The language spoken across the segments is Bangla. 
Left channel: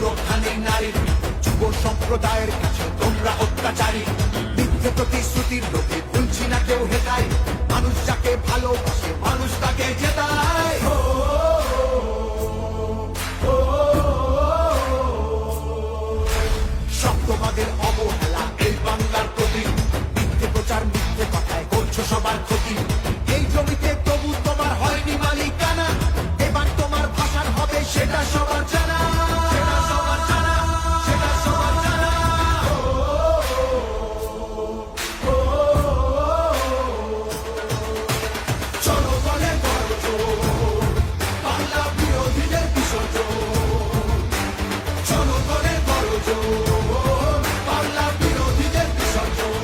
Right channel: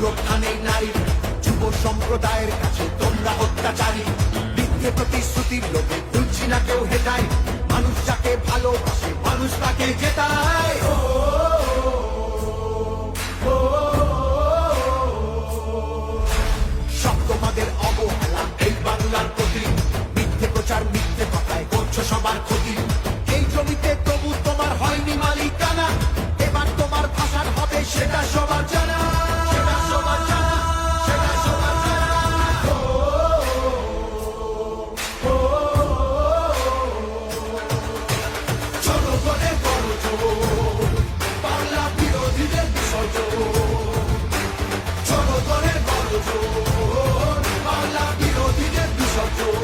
সুরক্ষা নেই নারীর। যুব সম্প্রদায়ের কাছে তোমরা অত্যাচারী। মিথ্যে প্রতিশ্রুতির লোকে ভুলছি না কেউ হেটায়। মানুষ যাকে ভালোবাসে মানুষ তাকে জেতায়। শব্দবাদের অবহেলা এই বাংলার প্রতি। মিথ্যে প্রচার মিথ্যে কথায় করছো সবার ক্ষতি। এই জমিতে তবু তোমার হয়নি মালিকানা। এবার তোমার ভাষার হবে সেটা সবার জানা। জনগণের গর্জন, বাংলা বিরোধীদের বিসর্জন। জনগণের গর্জন, বাংলা বিরোধীদের বিসর্জন।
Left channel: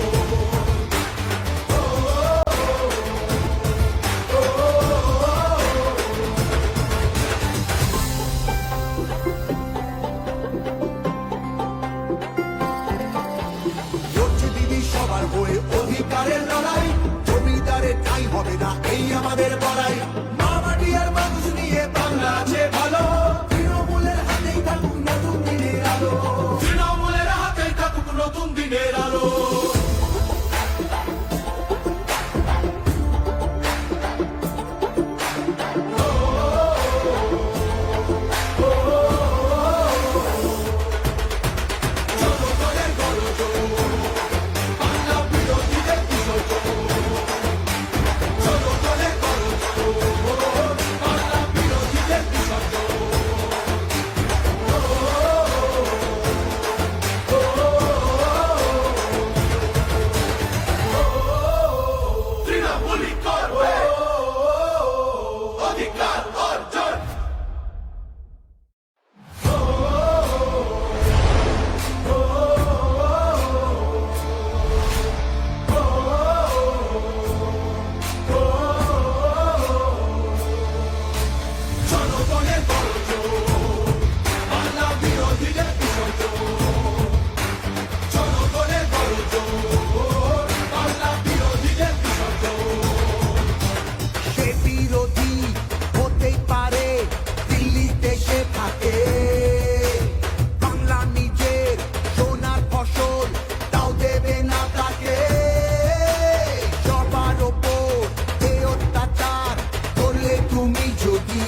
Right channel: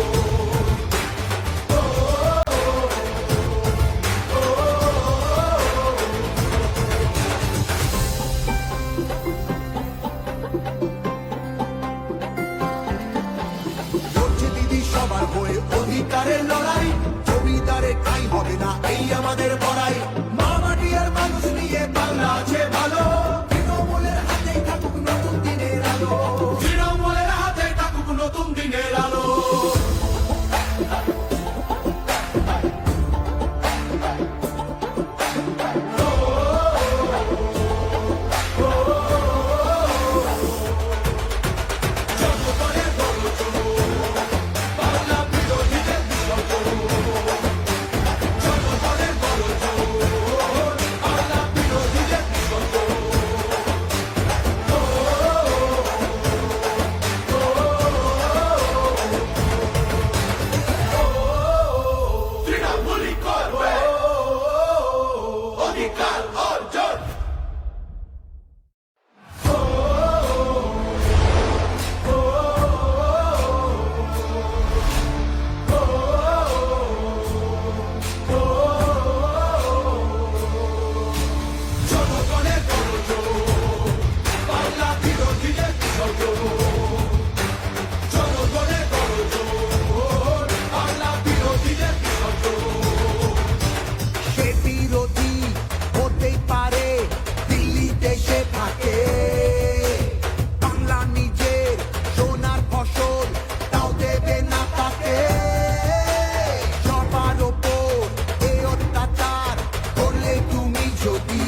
লড়ছে দিদি সবার হয়ে অধিকারের লড়াই। জমিদারের ঠাঁই হবে না এই আমাদের বড়াই। মা মাটি আর মানুষ নিয়ে বাংলা আছে ভালো। তৃণমূলের হাতে থাকুক নতুন দিনের আলো। তৃণমূলের হাতে থাকুক নতুন দিনের আলো। বিরোধী হতেই পারে দিল্লিতে সে থাকে। বাংলা নিজের সোনার ফসল তাও দেবে না তাকে। সবার ওপর এ অত্যাচার করলে তুমি যদি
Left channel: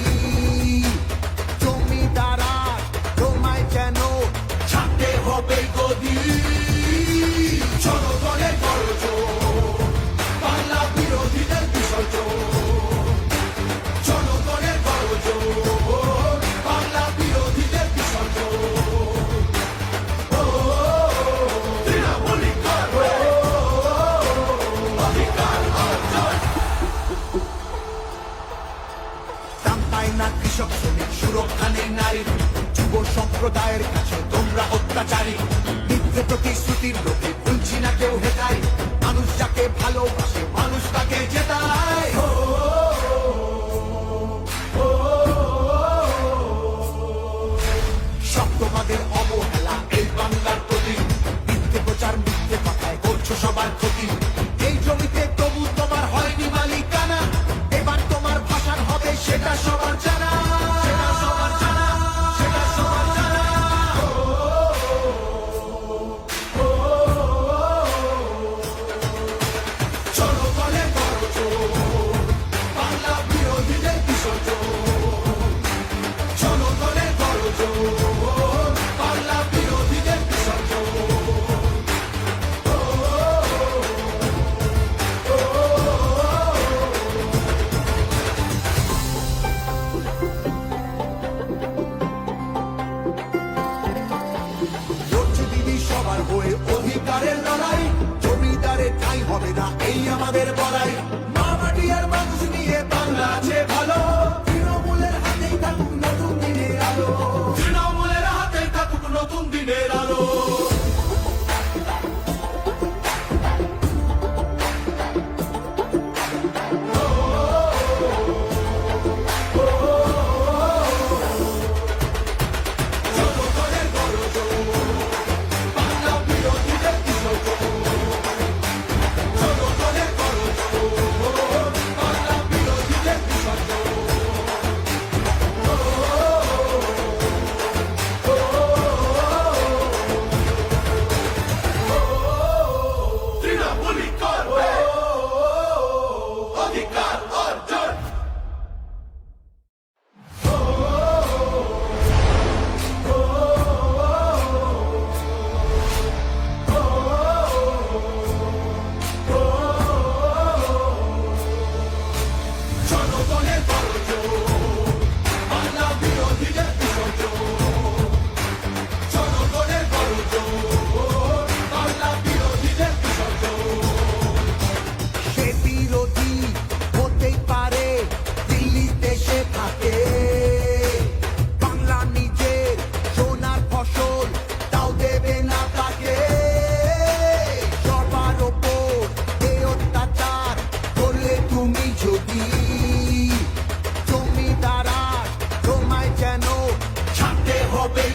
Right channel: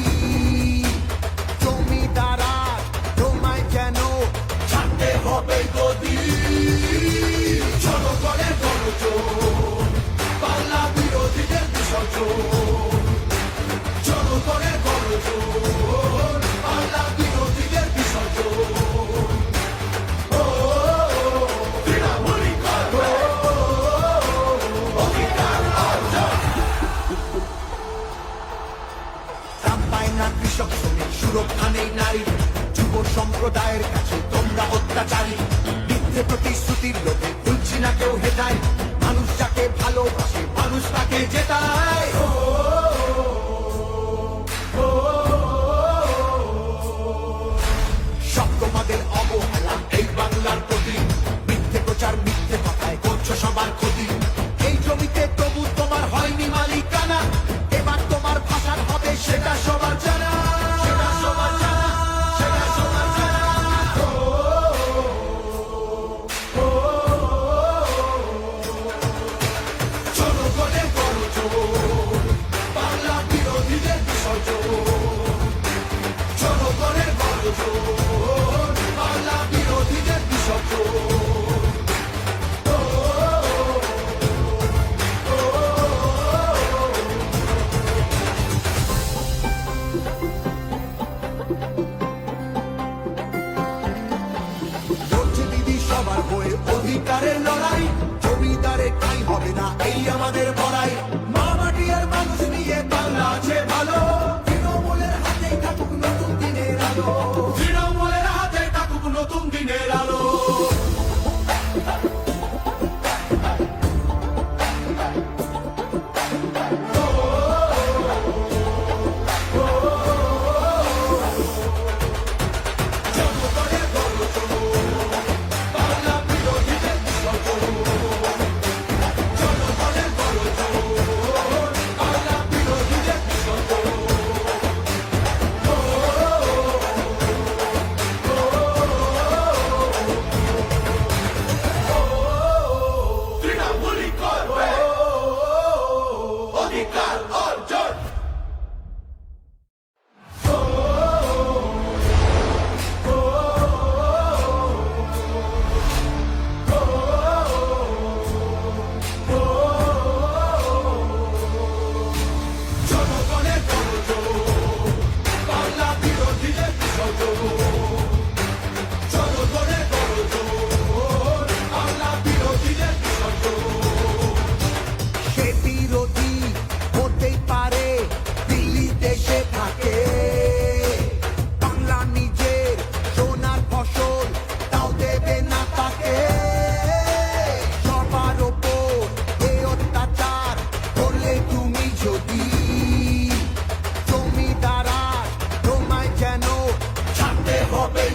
জমিদারা তোমায় যেন ছাড়তে হবে গদি। জনগণের গর্জন, বাংলা বিরোধীদের বিসর্জন। জনগণের গর্জন, বাংলা বিরোধীদের বিসর্জন। দাম পায় না কৃষক শ্রমিক, সুরক্ষা নেই নারীর। যুব সম্প্রদায়ের কাছে তোমরা অত্যাচারী। মিথ্যে প্রতিশ্রুতির লোকে ভুলছি না কেউ হেটায়। মানুষ যাকে ভালোবাসে মানুষ তাকে জেতায়। শব্দবাদের অবহেলা এই বাংলার প্রতি। মিথ্যে প্রচার মিথ্যে কথায় করছো সবার ক্ষতি। এই জমিতে তবু তোমার হয়নি মালিকানা। এবার তোমার ভাষার হবে সেটা সবার জানা। জনগণের গর্জন, বাংলা বিরোধীদের বিসর্জন। জনগণের গর্জন, বাংলা বিরোধীদের বিসর্জন। লড়ছে দিদি সবার হয়ে অধিকারের লড়াই। জমিদারের ঠাঁই হবে না এই আমাদের বড়াই। মা মাটি আর মানুষ নিয়ে বাংলা আছে ভালো। তৃণমূলের হাতে থাকুক নতুন দিনের আলো। তৃণমূলের হাতে থাকুক নতুন দিনের আলো। জনগণের গর্জন, বাংলা বিরোধীদের বিসর্জন। জনগণের গর্জন, বাংলা বিরোধীদের বিসর্জন। যদি জমিদার আজ তোমায় যেন ছাড়তে হবে